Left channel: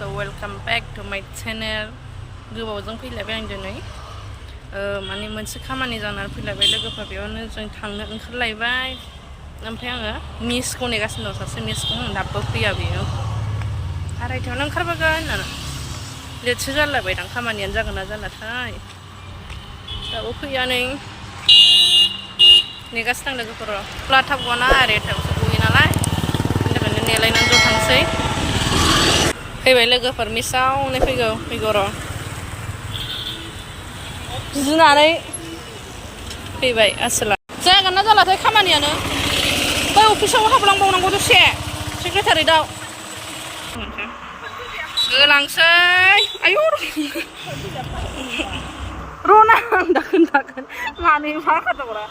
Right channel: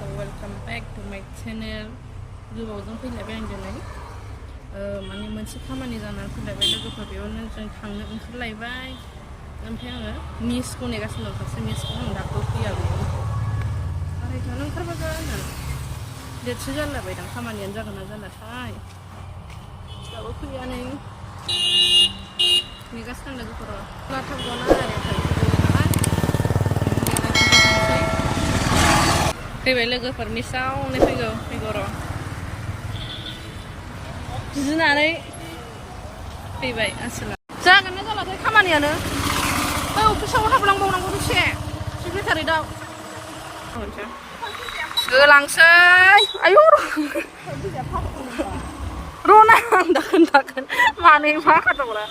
so welcome back to my channel. गोबावजों फैलायबाय आं दिनै माने मोनसे खामानि जानानै फैलायबाय लोगोफोर बेयावनो जों थांनो ओंखारलायबाय ओमफ्राय आङो मिसखौ नेगासिनो दं सासे मिसखौ दाबो फैया बेयो आरायथायावनो ओंखारबोगोन होननानै लेटसो जालायबाय दां खामानियानो जागोन ना जालाथाय दाबो फैया नै नेगासिनो दं लोगोफोर अब्ला थाब गना आरायथायावसो गयो नालाय बेनिखायनो नेलायनानै ज' थांसै फैबाय लोगोफोर मिसावनो फैगौ र' गिनानै फैबाय आसोला जागोन ना जालाथाय खामानियानो बै अफिसाव हाबलांबावनांगौ दसे सेक्रेटारियाव होलांसै आयौ र'ना दाखोन मानो मा खालामग्रा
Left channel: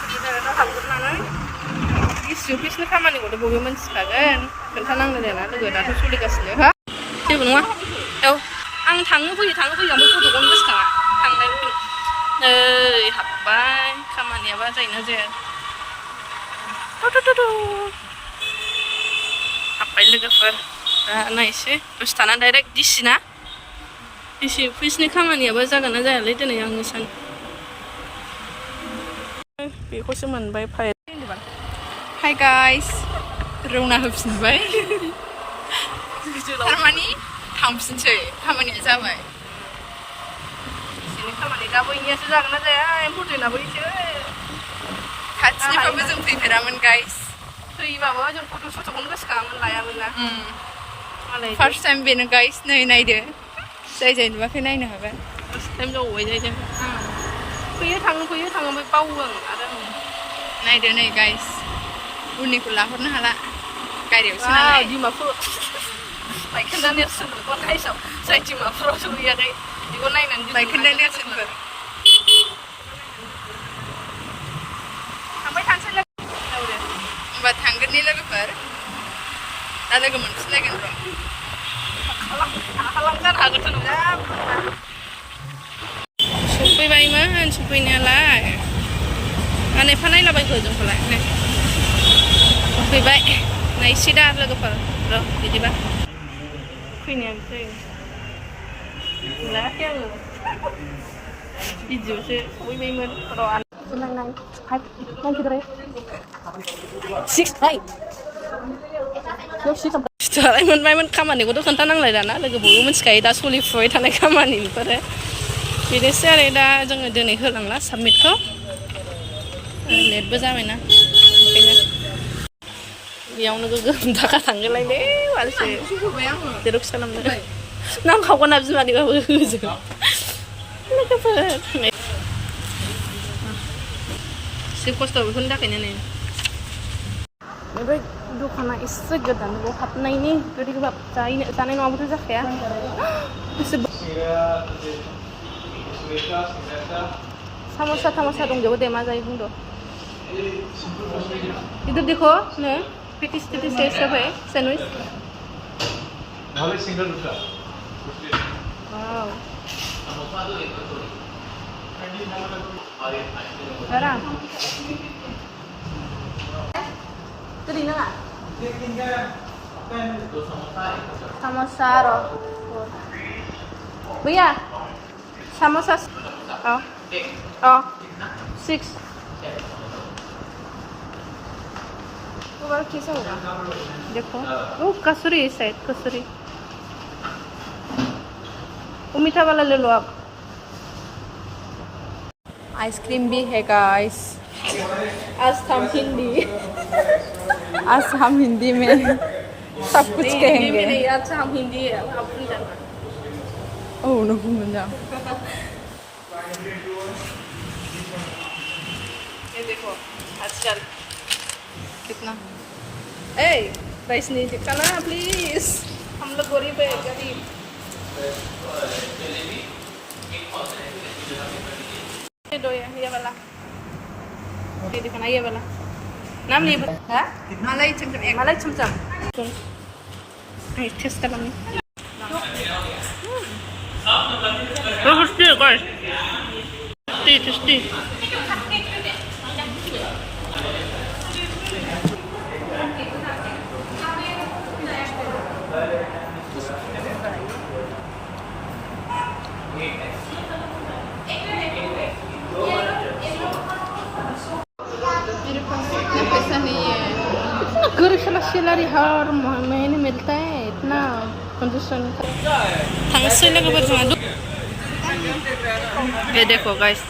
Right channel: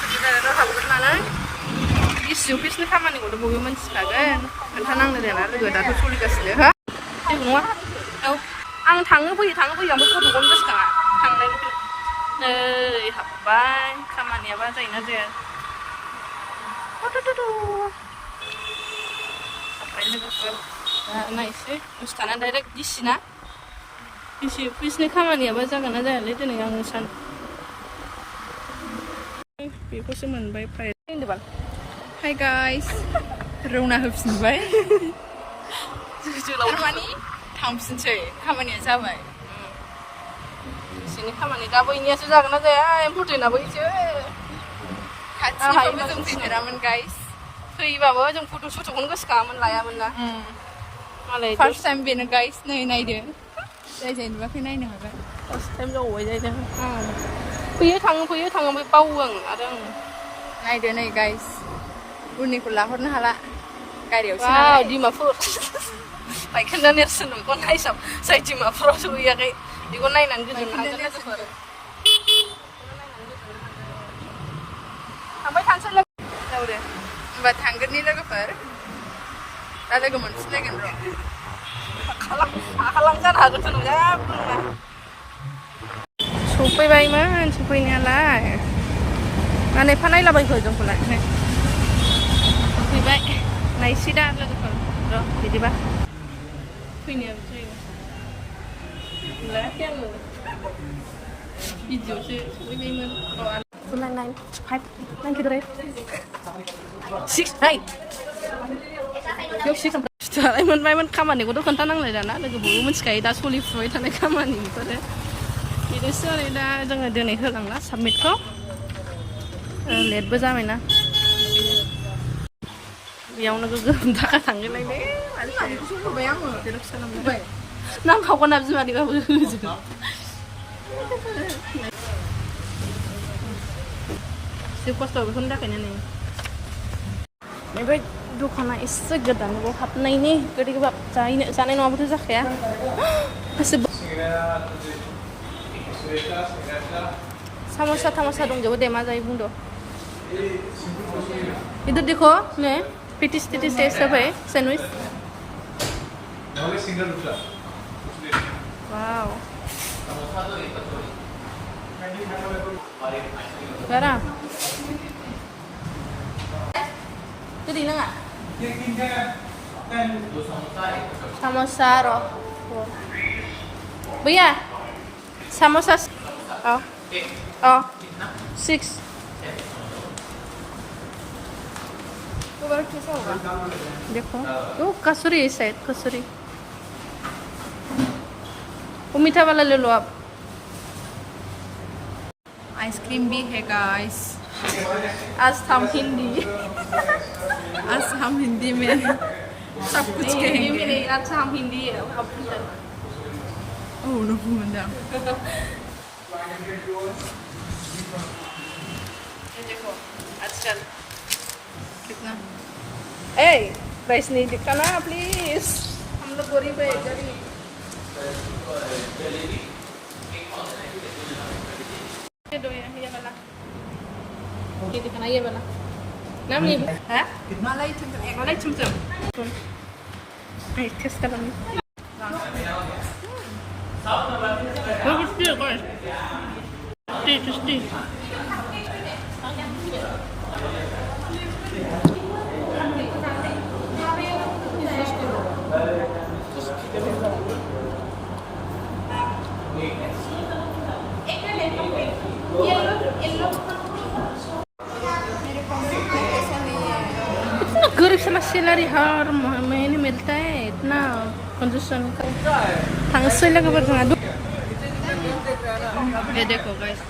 सेक्रेटारियाव हाबग्रोनानै इसे अफिसनि खामानिखौथ' बयबो मिन्थिखागोन खोन्थानांनो देना लोगो दाथ' सोलिगासिनो हो जेबो नङा औ आं थाङो फैयो ओमफ्राय गथ'खौनो गोसोखाङा थांनाय नै हाबबाय खामानियाबा जायोना जाया हाबबाय लोगोफोर दा नायसै दसे थाना डाइरेक्ट डिसिना डिसि अफिसनि खामानियाबा जागोन ना जायालै दिनै आङो सान बेखौसो मोनबाय फाइल हाय गाइस रौना होफिनबाय थारमानि थांफिनसै खामानिया जाबाय एसेनि खामानि दा बैनियासो जागोन ना जाया इम्परटेन्टआ बैसो खाथिनिफ्रायबो जों फैफेरामोन गाइस फैबाबो जों फट' सुटखौनो गोसोखाङामोन लायामोन ना फार्स्ट टाइम बेनो गाइस नै नायदो जाय नुवाखै नायनो हागोन फार्स्ट टाइम जाबाय जायजों फैयो थाङो ओमफ्राय बावो आं आरो नायदो नै गाइस उननिखौ लाहरनो हाला गारियावसो नालाय डिमापुर बायखोन्दा नेरसोन कन्टा हिसाब जाय डिमापुराव सहैयाखै बेखौ नायनानै बायखोन्दा नेरसोनफोर थांबाय थानोसै लोगो होमबा थांगोननि लोगोफोर दा लोगो मोनफिनलायगोन र' खालामजानो हागोन सफैबायमोन सफैनायालाय ना एफा नायलाबायखो जोंखौलाय सफैबाय नायसै दा लोगोफोर र' बिदिबा फैनाया जायो लायाखै आङो भिडिअ'सो सहैबायमोन र' 6 मोनबायमोन खामानिखौथ' खोन्थानांलाय दाना लोगो बयबो मिथिखायो दा सोलिफुबाय थानाय खामानि बेफोरो बेनोसै आरो दा जोङो दिनै होलांला साबमिटखौ लेटबो जाबायना ओंखायनो बेयावनो गोगोम थाखा थांगोलायलै मानसि जेरक्स खालामनो नांखागोन ना बिमानिबाबो होजों लोगोफोर एसे खस्थ' बेखौनि थाखायनो नै ओमफ्राय दखाना एसे गोदान बाव हाबनायनि गोदै गोबाब जानाय नङाबाथ' जाखाया साम'सा दंजोबो दे मा जायो बुंदो इधर देखो ने पेटिस ये सब है sandwich wow Cara. Jadi nggak? Samosa roh. Buya. Samosa. Oh. 6. देखो वो कसूरी है शायद कसूरी वो मीठा वाला ले लो आप आइसक्रीम भी है गाइस आज हम हिंदी में सब कुछ कहेंगे नहीं आज हम हिंदी है ओह नो बुंदा ये देखो आजकल कितना ए प्राइस नहीं दिखाना प्लीज हम लोग गरीब है गरीब ये दो ये वाला ये दिखाना ये वाला नाम नहीं है मलाई चमचम टेस्ट कर लूँगी टेस्टी Bye. सैलरी हर महीने मिलता है इतना कंजूसन का थांसै लोगोफोर जोंहा ये देखो गाइस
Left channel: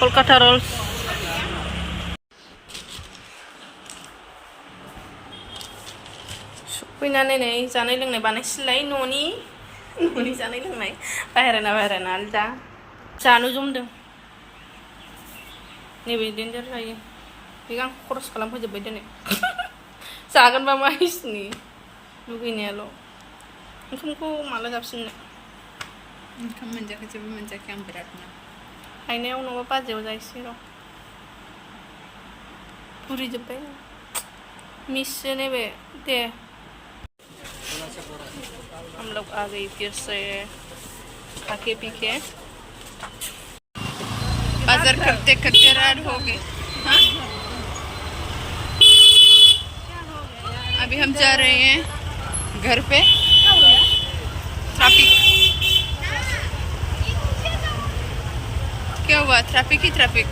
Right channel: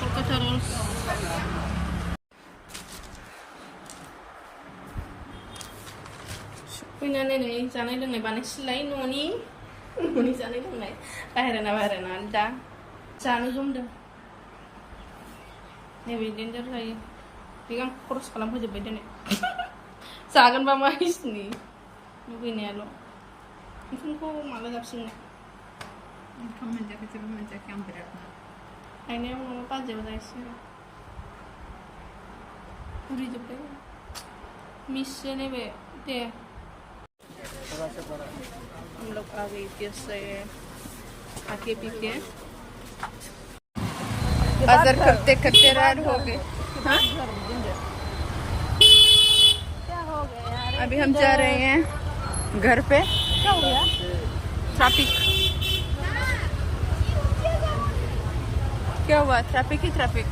कोलकाता रोल्स फैनानै नै जानाय लोंनाय बानायसिलाय न'नि जानाय लोंनाय बाहेराना आलदा जानो जमदों नैबे डेन्जार जायो बेखौ आं खरस खालामफैजोब्बाय दिनै जागोनबा मा इसिनि लुगैनायाल' ओंखामखौ माला जाफिननो ओंखाम मोनजायाखै जेबो मोनजायाखै आं बिरादनो हायनायाव नङाबा बाजियाव जायसै र' बुरिजोब्बाय मिससो नैबे दे हम लोग आ गए फिर से खाके पी के बाजार करते करते रात हो गए अभी हम जा रहे हैं घर पे क्या हो गया ट्रैफिक क्या हुआ ट्रैफिक ही ट्रैफिक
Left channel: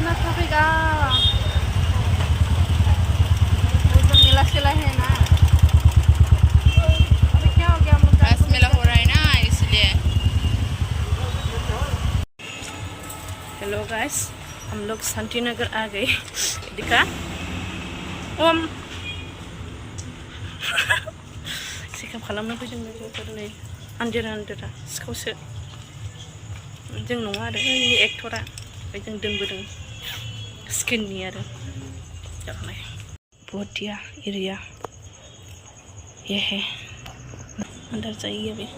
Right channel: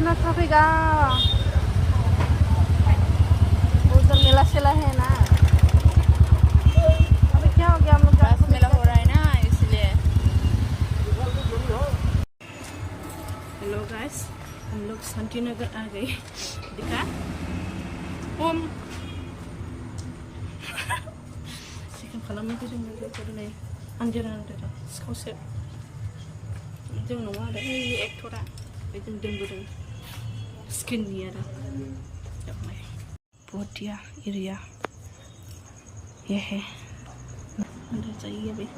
ना ट्रैफिक मेला सेला है ना अरे क्या हो गया हम लोग रास मेला हो रहा है ना इसलिए हेलो गाइस हम लोग शांति नगर आ गए दिखा ओम चेकअप खालामनो फैदों लोगोफोर नै आन्देरा सिखावसो जों नङा आरो एक्टरा ओमफ्राय जों दोनबोदों स्किननि आरो जानाय बढ़िया एरिया ये है अंदर जाइए अभी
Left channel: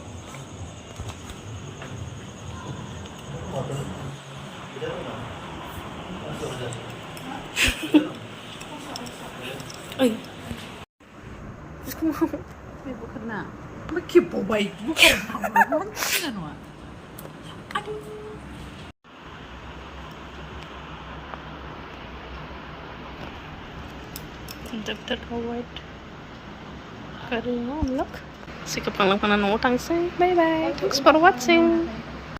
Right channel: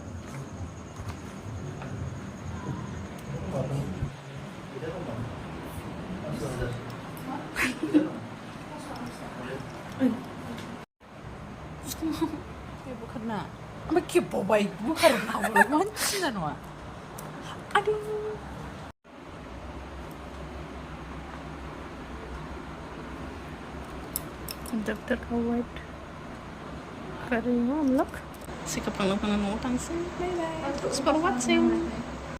bukan na magkibabai bukan naman ano aduh दफ्तर का वेट कर रही हूँ हम लोग सिकप बाय बाय थैंक्स फॉर वाचिंग